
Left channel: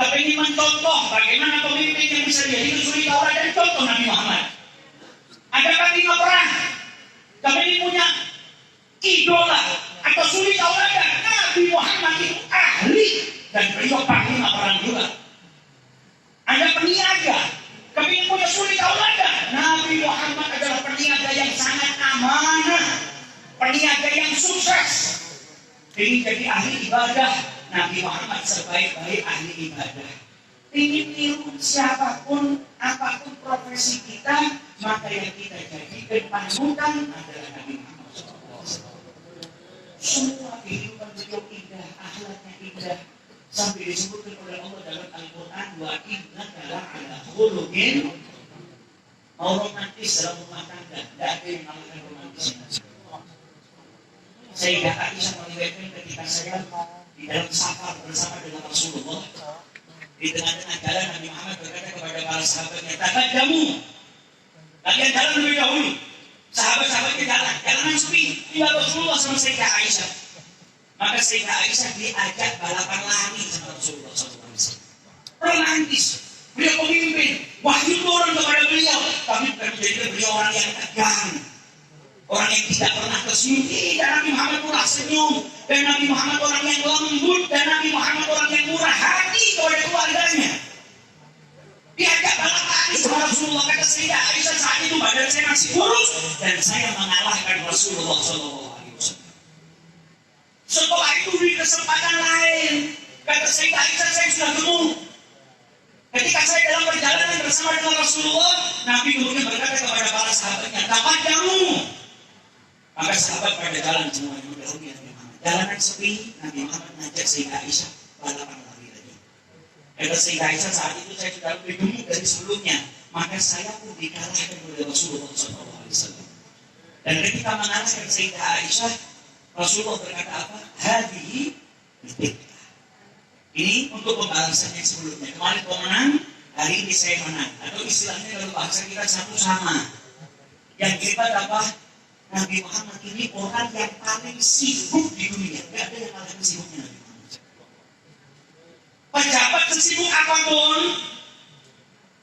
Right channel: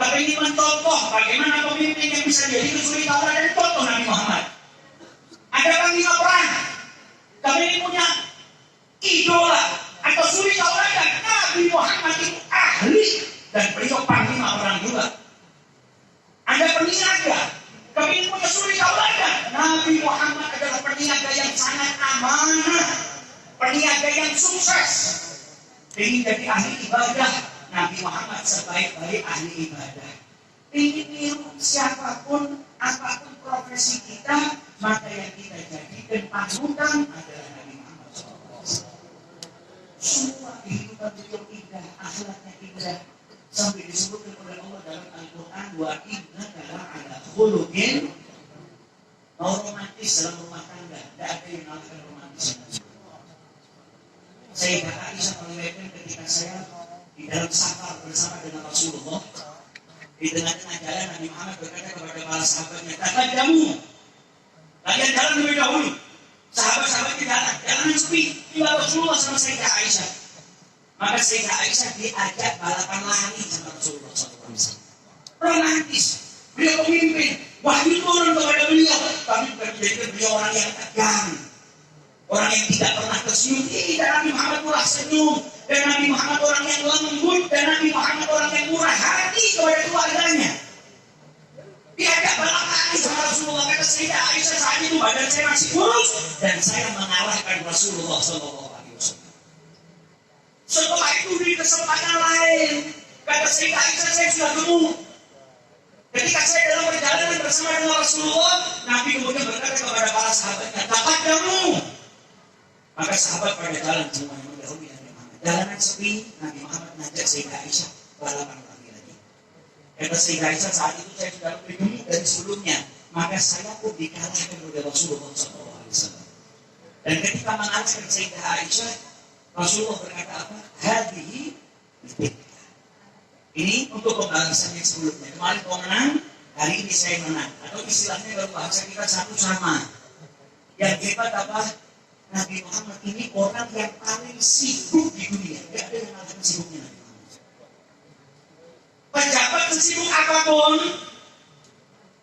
kepingin mencontoh bagaimana pemimpin yang bisa jadi suri tauladan dari contoh Nabi Muhammad. Ada panglima perang, kepingin punya idola atau suri tauladan. Nabi Muhammad itu ahli dan beliau panglima perang juga. Ada peniaga, kepingin punya suri tauladan. Nabi Muhammad adalah peniaga yang sangat amanah, peniaga yang sukses. Ingin jadi ahli ibadah, Nabi Muhammad sebaik-baik ahli ibadah. Ingin niru siapapun, apapun profesi kita, maka yang kita jadikan panutan adalah Nabi Muhammad SAW. Semua kehidupan beliau indah, akhlaknya indah, sampai disebutkan oleh Allah dalam Al-Quran, wa innaka la'ala khuluqin, mau romantis dalam rumah tangga, tidak ada yang mengalahkan romantis. Sayyidah Aisyah meriwayatkan ketika saya di dalam safar bersama dengan Rasulullah, di tengah-tengah jalan Nabi Muhammad berkata kepada para sahabatnya, "Taqaddamu, kalian jalan lebih dahulu." Sahabat-sahabatnya jalan yang sepi, tinggal Rasulullah sama Sayyidah Aisyah. Maka Sayyidah Aisyah diajak balapan lari sama Rasulullah SAW. Romantis, beliau pemimpin, wahyu turun kepada beliau, tapi bukan menjadikan beliau orang yang tegang, orang yang tidak pernah tersenyum. Tidak, Nabi Muhammad murah senyum, dan Nabi Muhammad orang yang lembut, dan Nabi Muhammad orang yang murah hati kepada keluarganya. Diajak balap lari sama Rasulullah. Kata Sayyidah Aisyah, saat itu badan saya masih kurus dan saya mengalahkan Rasulullah SAW. Setelah itu di kesempatan lain, kata Sayyidah Aisyah, saya sudah gemuk. Ketika saya dalam perjalanan bersama dengan Rasulullah, Nabi kemudian berkata kepada para sahabatnya, "Taqaddamu." Maka sahabat pada jalan semua yang mendahului Nabi Muhammad. Jalanan sepi, Nabi Muhammad mengajak Sayyidah Aisyah balapan lari lagi. Kata Sayyidah Aisyah, saat itu saya sudah lebih gemuk dari sebelumnya, maka saya pun dikalahkan oleh Rasulullah SAW. Dan ketika mengalahkan Sayyidah Aisyah, Rasulullah berkata apa? Hadihi bid'ah. Ini untuk pembalasan yang sebelumnya. Kemarin kau menang, hari ini saya menang. Atau istilahnya dalam bahasa kita satu sama. Yang hebat apa? Nabi Muhammad ini orang yang paling sibuk di dunia. Tidak ada yang paling sibuknya Nabi Muhammad. Pejabat sesibuk apapun,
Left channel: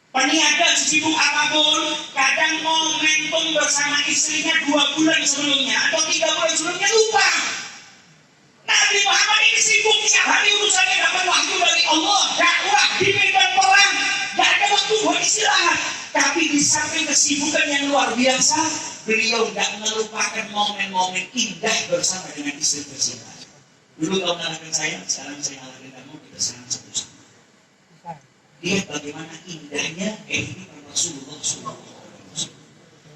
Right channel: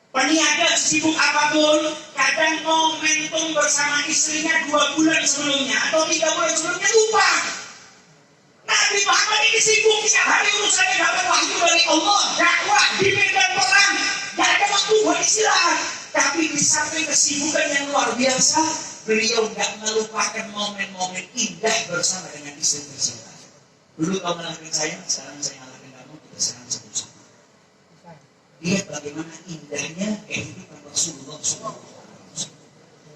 peniaga sesibuk apapun, kadang momentum bersama istrinya 2 bulan sebelumnya atau 3 bulan sebelumnya lupa. Nabi Muhammad ini sibuk tiap hari urusannya dapat wahyu dari Allah, dakwah di medan perang, gak ada waktu buat istirahat. Tapi di samping kesibukan yang luar biasa, beliau gak melupakan momen-momen indah bersama dengan istri tercinta. Dulu kau mengalahkan saya, sekarang saya mengalahkan kamu, kita sekarang satu. Lihat bagaimana indahnya kehidupan Rasulullah SAW.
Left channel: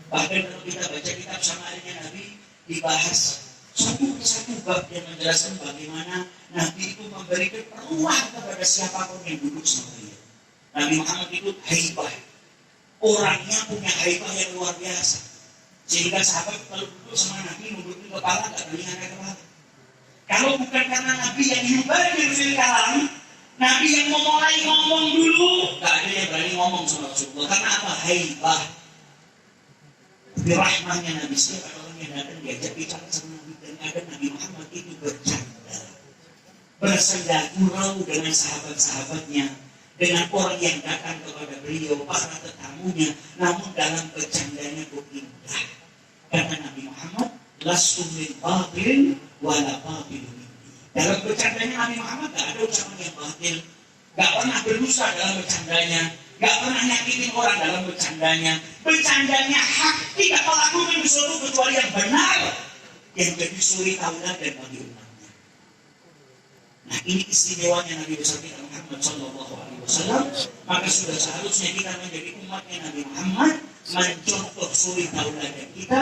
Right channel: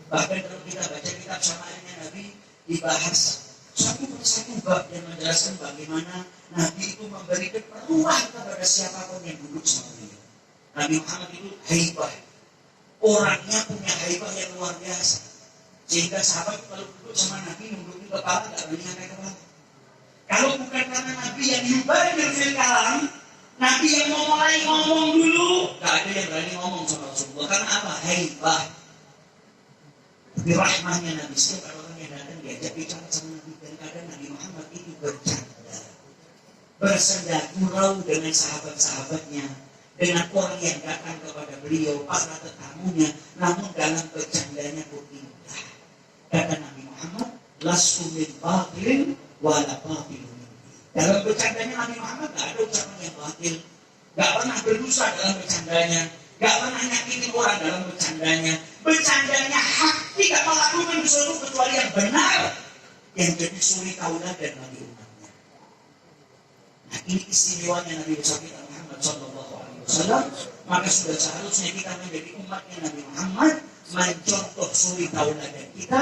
Bahkan kalau kita baca kitab Syama'ilnya Nabi, dibahas satu persatu bab yang menjelaskan bagaimana Nabi itu memberikan peluang kepada siapapun yang duduk sama dia. Nabi Muhammad itu haibah, orangnya punya haibah yang luar biasa, sehingga sahabat kalau duduk sama Nabi nundukin kepala gak berani angkat kepala. Kalau bukan karena Nabi yang yubadir fil kalam, Nabi yang memulai ngomong dulu, gak ada yang berani ngomong sama Rasulullah. Karena apa? Haibah. Birahmahnya Nabi, setiap orang yang datang diajak bicara sama Nabi, dan kadang Nabi Muhammad itu bercanda, bersenda gurau dengan sahabat-sahabatnya, dengan orang yang datang kepada beliau, para tetamunya, namun dalam bercandanya pun indah. Kata Nabi Muhammad, lastu min batil wala batilun minni. Dalam bercandanya Nabi Muhammad gak ada ucapan yang batil, gak pernah berdusta dalam bercandanya, gak pernah nyakitin orang dalam bercandanya. Bercandanya hak, tidak melakukan sesuatu kecuali yang benar, yang jadi suri tauladan bagi umatnya. Nah, ini istimewanya Nabi besar kita Muhammad SAW. Maka sudah seharusnya kita menjadi umatnya Nabi Muhammad, mencontoh suri tauladan kita.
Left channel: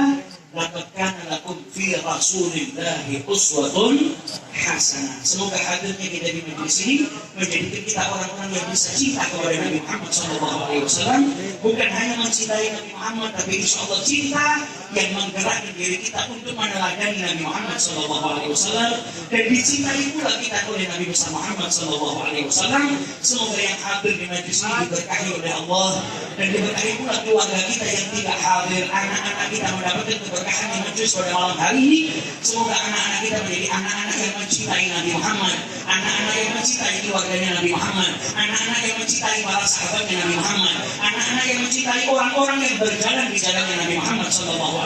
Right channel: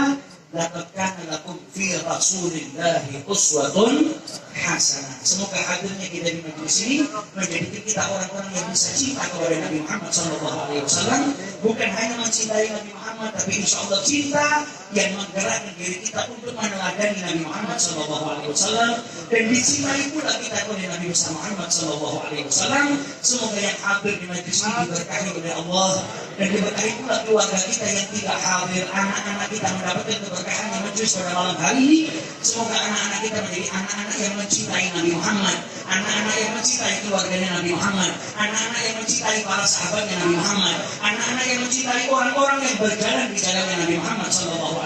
Laqad kana lakum fi Rasulillahi uswatun hasanah. Semoga hadirnya kita di majelis ini menjadikan kita orang-orang yang bisa cinta kepada Nabi Muhammad SAW. Bukan hanya mencintai Nabi Muhammad, tapi insya Allah cinta yang menggerakkan diri kita untuk meneladani Nabi Muhammad SAW, dan dicintai pula kita oleh Nabi besar Muhammad SAW. Semoga yang hadir di majelis ini diberkahi oleh Allah, dan diberkahi pula keluarga kita yang tidak hadir, anak-anak kita mendapatkan keberkahan yang majelis pada malam hari ini. Semoga anak-anak kita menjadi anak-anak yang mencintai Nabi Muhammad, anak-anak yang mencintai keluarganya Nabi Muhammad, anak-anak yang mencintai para sahabatnya Nabi Muhammad, anak-anak yang mencintai orang-orang yang berjalan di jalannya Nabi Muhammad SAW.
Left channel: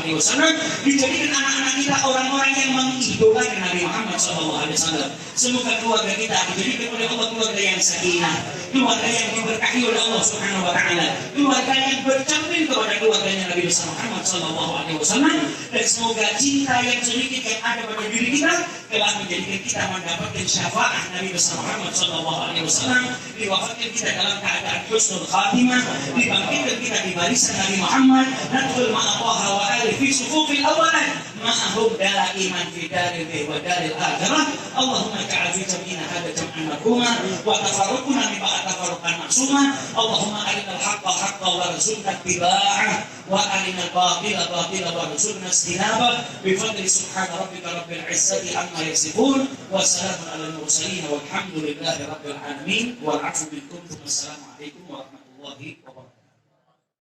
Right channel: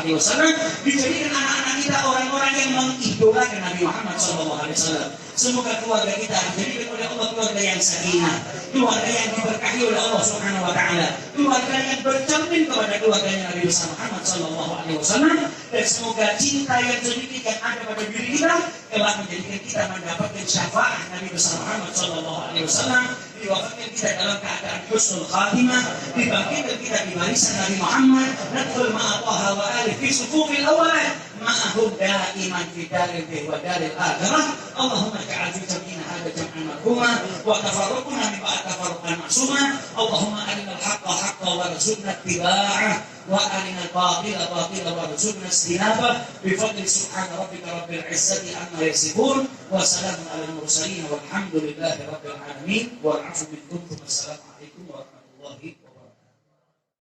Dijadikan anak-anak kita orang-orang yang mengidolakan Nabi Muhammad SAW. Semoga keluarga kita dijadikan oleh Allah keluarga yang sakinah, keluarga yang diberkahi oleh Allah Subhanahu Wa Taala, keluarga yang bercermin kepada keluarganya Nabi besar Muhammad SAW. Dan semoga cinta yang sedikit yang ada pada diri kita telah menjadikan kita mendapatkan syafaat Nabi besar Muhammad SAW, diwafatkan kita dalam keadaan husnul khatimah, dibangkitkan kita di barisan Nabi Muhammad, nadkhul ma'allaha wa ali fi sufufil awalan ma'ahum da'iman fi daril wa daril akhirah. Allahumma ja'al fi jam'ina hadha jam'an marhuma wa tafarruqna min ba'd tafarruqan ma'suma. Allahumma arinal haqqa haqqan warzuqna ittiba'ah wa arinal batila batila warzuqna istinabah. Bi fadli subhana rabbika rabbil izzati amma yasifun wa salamun alal mursalin walhamdulillahi rabbil alamin wal 'afwu minkum. Wassalamu alaikum warahmatullahi wabarakatuh.